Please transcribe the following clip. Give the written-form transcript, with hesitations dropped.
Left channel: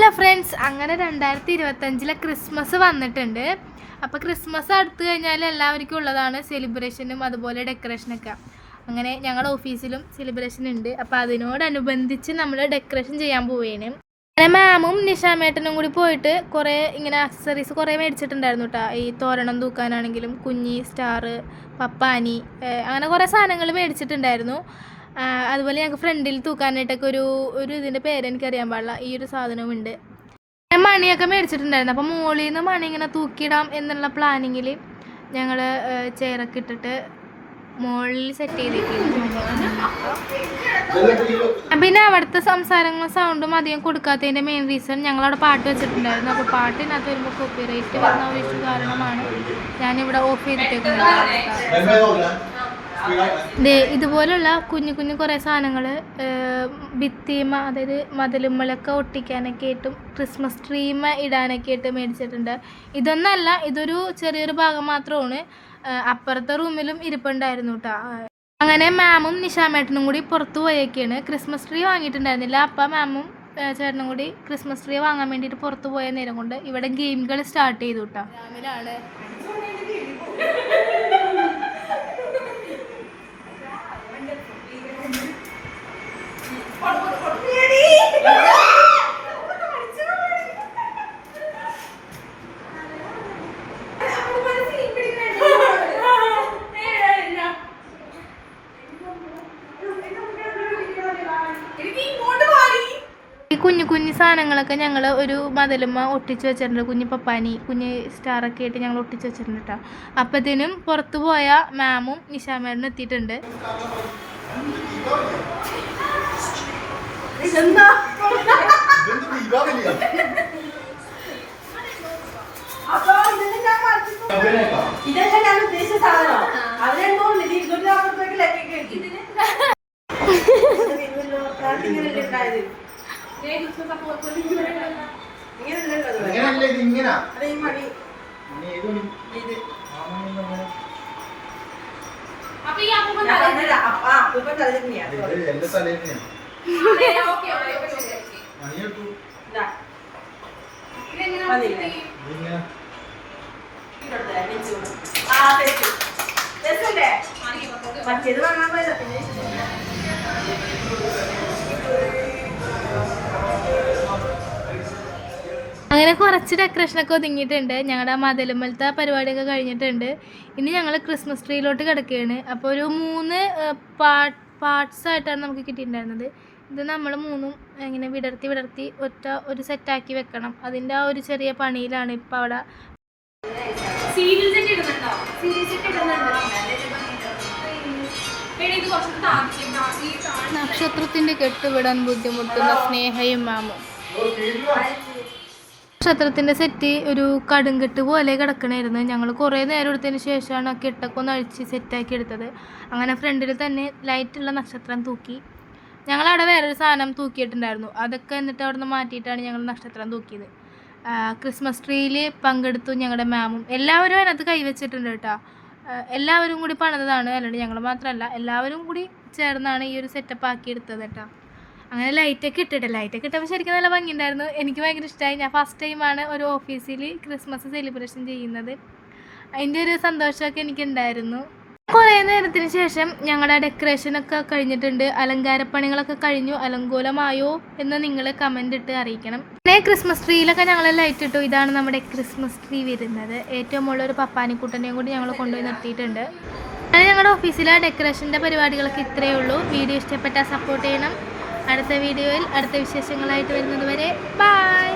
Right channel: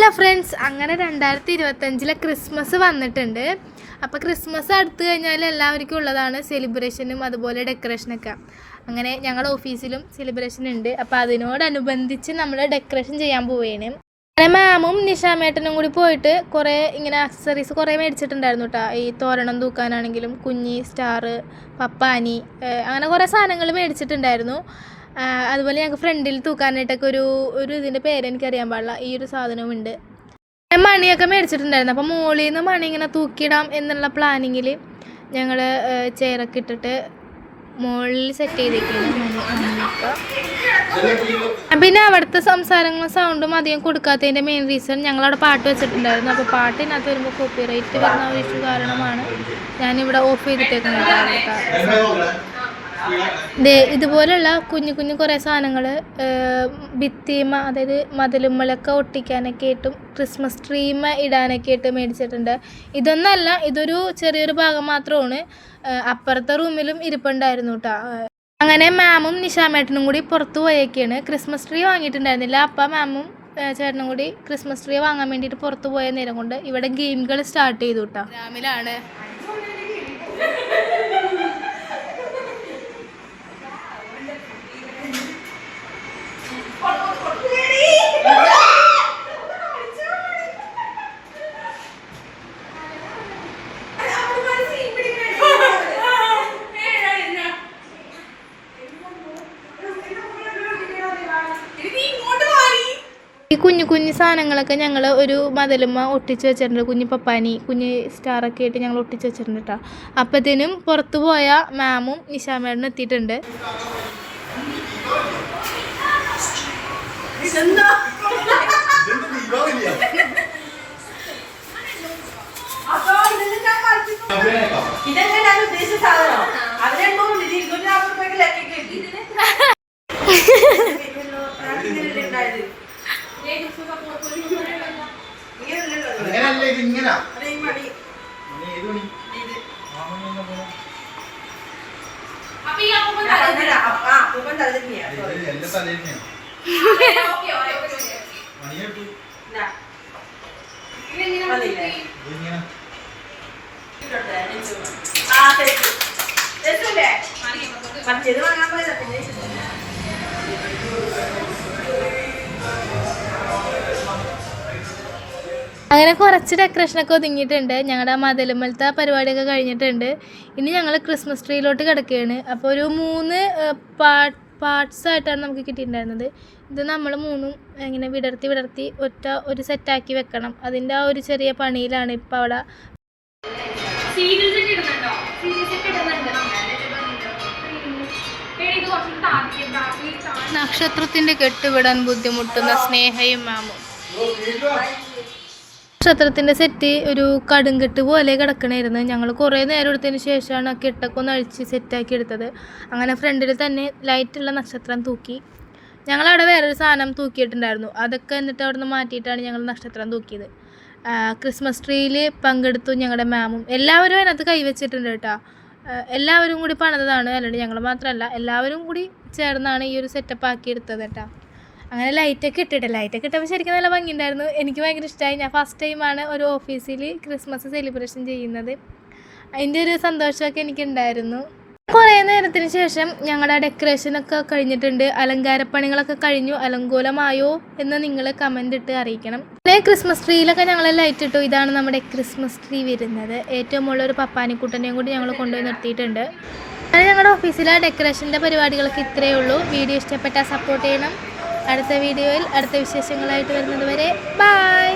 Hello friends, അങ്ങനെ 2025 Christmas വന്നിട്ടുണ്ട്. അപ്പോൾ ക്രിസ്മസ് അടുത്ത് കഴിഞ്ഞാൽ എല്ലാവർക്കും ഉള്ളതാണ് സെലിബ്രേഷനും അതുപോലെ ഡെക്കറേഷനൊക്കെ. അങ്ങനെ ഞങ്ങളുടെ ഓഫീസിലും സെലിബ്രേഷൻ ഉണ്ട്. അപ്പോൾ അതിനോടനുബന്ധിച്ച് നമ്മൾ ഡെക്കറേഷൻ ചെയ്യാൻ പോവുകയാണ്. അങ്ങനെ മാമും നിഷാമേട്ടനും കൂടി പോയിട്ട് കുറേ ഇങ്ങനെ ആക്സസറീസ് കുറേ മേടിച്ചിട്ടുണ്ടായിരുന്നു കേട്ടോ. ഈ തോരണം തൂക്കാനാണെങ്കിലും കുഞ്ഞി സ്റ്റാർ, പപ്പാനി, അങ്ങനെ കുറേ സാധനങ്ങൾ മേടിച്ചിട്ടുണ്ടായിരുന്നു. അതുപോലെ ഞങ്ങൾക്ക് ഫ്രണ്ടിൽ തൂക്കാനായിട്ടൊക്കെ ഒരു ഇതിൻ്റെ പേര് എനിക്കറിയാൻ പാടില്ല, ഈ ഒരു സാധനമുണ്ട്. മണിയൊക്കെ മേടിച്ചിട്ടുണ്ടായിരുന്നു. അപ്പോൾ മുകളിൽ നിന്ന് മണി ഇങ്ങനെ തൂക്കിയിടാം എന്നുള്ള പ്ലാനിങ്ങിൽ ഞങ്ങൾ ചെയറൊക്കെ ഇട്ടിട്ട് മുകളിൽ സെറ്റ് ചെയ്തിട്ടുണ്ട്. പിന്നെ അവിടുത്തെ സംസാരങ്ങളും സൗണ്ടും അധികം കൊടുക്കാത്തതിൻ്റെ മെയിൻ റീസൺ ഞങ്ങളവിടെ പാട്ട് വെച്ചിട്ടുണ്ടായിരുന്നു. അപ്പോൾ പാട്ടിനകത്ത് വരുമ്പോൾ കോപ്പിറൈറ്റ് വരുന്ന ഒരു ഇഷ്യൂ കാരണമാണ് ഞാനിവിടെ ഓഫ് ചെയ്തിട്ടേക്കുന്നത്. ഇതുപോലെയുള്ള കുഞ്ഞു കുഞ്ഞു കുറേ സാധനങ്ങൾ ഭിത്തിമ, അതായത് മതിലുമ്മലൊക്കെ ഒട്ടിക്കാനൊക്കെ ആയിട്ടും ക്രിസ്മസ് ട്രീമ ഇടാനൊക്കെ ആയിട്ട് മേടിച്ചിട്ടുണ്ട്. ഇതൊന്നല്ല, ഇതൊരു ചെറിയൊരു ഭാഗം മാത്രമാണ്. അപ്പുറത്തെ റൂമിലും ഇരിപ്പുണ്ടായിരുന്നു കേട്ടോ. അങ്ങനെ മാമും നിഷാമേട്ടനും കൂടി പുറത്ത് പോയേക്കാണ്. Christmas tree വാങ്ങിയിട്ടുണ്ടായിരുന്നില്ല. അപ്പം മാമും ചേട്ടനും കൂടി ക്രിസ്മസ് ട്രീ വാങ്ങാൻ വേണ്ടിയിട്ട് പുറത്ത് പോയ നേരം കൊണ്ട് ഇവിടെ ഗെയിമുകൾ സ്റ്റാർട്ട് ചെയ്തു കേട്ടോ. രാമിലാണ് ഈ കുഞ്ഞു കുഞ്ഞു സാധനങ്ങളൊക്കെ ഞങ്ങൾ ഒരു മതിലുമ്മ ഒട്ടിച്ച് വെച്ചിട്ടുണ്ട്. കുഞ്ഞു പപ്പാനി, കുഞ്ഞ് സ്റ്റാറൊക്കെ ആയിട്ട് ഞങ്ങൾ ഒട്ടിച്ച് വെച്ചിട്ടുണ്ട് കേട്ടോ. അപ്പത്തേനും പുറത്ത് പോയ മാമും നിഷാമേടനും എത്തിയിട്ടുണ്ട്. അങ്ങനെ കുറച്ച് ഡെക്കറേഷനൊക്കെ ഒതുങ്ങിയിട്ടുണ്ട്. ഞങ്ങളുടെ മതിലുമ്മലത്തെ പരിപാടിയൊക്കെ കഴിഞ്ഞിട്ടുണ്ട്. ഇനി ഞങ്ങൾ ക്രിസ്മസ് ട്രീയിലോട്ട് കിടക്കുകയാണ്. അപ്പോൾ ഒരു 3 പാർട്സ് ആയിട്ടാണ് നമുക്ക് കിട്ടിയിട്ടുണ്ടായിരുന്നത്. ഇത് നമ്മൾ 3ഉം ഇങ്ങനെ വിടർത്തി ഒരു സെറ്റാക്കി വെക്കണം. അതിൻ്റെ ആ ഒരു ചെറിയ പണിയിലാണ് ഇപ്പോൾ അവിടെ. നക്ഷത്രത്തിൻ്റെ കെട്ടുവിടാൻ ബുദ്ധിമുട്ടുന്ന സ്നേഹയും മാമും. നക്ഷത്രത്തിൻ്റെ സെറ്റ് ഒരു കടുങ്കെട്ട് പോലെ കിടക്കണമായിരുന്നു. ഞങ്ങൾ കുറേ നേരം എടുത്തതിന് ശേഷമാണ് ആ കെട്ടൊക്കെ ഒന്ന് അഴിച്ച് സെറ്റാക്കി എടുത്തത്. അങ്ങനെ ഫ്രണ്ടിൽ തന്നെ ലൈറ്റുള്ള നക്ഷത്രം തൂക്കി. ഞങ്ങളവിടെ വേറൊരു സാധനം തൂക്കിയിട്ടുണ്ടായിരുന്നു. അതൊക്കെ എന്നിട്ട് അവിടെ നിന്ന് മാറ്റിയിട്ടാണ് ഞങ്ങൾ നക്ഷത്രം തൂക്കിയത്. ക്രിസ്മസ് ട്രീയിൽ പങ്കെടുത്തു ഞങ്ങളുടെ മാമും. എല്ലാവരും അതിനകത്ത് കൈവച്ചിട്ടുണ്ട് കേട്ടോ. എല്ലാവരും കൂടി പണിതാണ്, അല്ലാണ്ട് ഞങ്ങൾ മാത്രമല്ല, എല്ലാവരും കൂടി ചേർന്നാണ് ഈ ഒരു സെറ്റപ്പ് ആക്കിയെടുത്തത് കേട്ടോ. അങ്ങനെ ലൈറ്റൊക്കെ ഇട്ടപ്പോൾ ശരിക്കും നല്ല ഭംഗിയുണ്ടായിരുന്നു. എനിക്ക് ഭയങ്കര ഇഷ്ടമായി. ഞാൻ ഫസ്റ്റ് ടൈമാണ് ഒരു ഓഫീസിൽ ക്രിസ്മസ് സെലിബ്രേഷൻ ചെയ്യുന്നത്. അതിൻ്റെ ഒരു സന്തോഷമൊക്കെ എനിക്കുണ്ടായിരുന്നു. കുറേ നേരത്തിന് ശേഷം ഞങ്ങളുടെ ഡെക്കറേഷനൊക്കെ കഴിഞ്ഞിട്ടുണ്ട്. അലങ്കാരപ്പണികളൊക്കെ കഴിഞ്ഞു. അലങ്കോലമായോ എന്ന് നിങ്ങൾ കമൻ്റ് ഇട്ട് അറിയിക്കണം. പിന്നെ ക്രിസ്മസ് ട്രീയിലൊക്കെ ഞങ്ങൾ ലൈറ്റ് ഇട്ടു. ഇതാണ് നമ്മുടെ ക്രിസ്മസ് ട്രീ വരുന്നത്. ഏറ്റവും മുകളിലൊരു പപ്പാനിക്കുട്ടനെയും കൂടി ഞങ്ങൾ കൊണ്ടുപോയി നിർത്തിയിട്ടുണ്ട്. അങ്ങനെ ഞങ്ങളുടെ ഓഫീസിലെ ഡെക്കറേഷൻ്റെ പരിപാടികളൊക്കെ ഇത്രയേ ഉള്ളൂ. വീഡിയോ ഇഷ്ടപ്പെട്ടാൽ സപ്പോർട്ട് ചെയ്യണം. അടുത്ത വീഡിയോയിൽ അടുത്ത വിശേഷങ്ങളായിട്ട് വരുന്നത് വരെ ബൈ.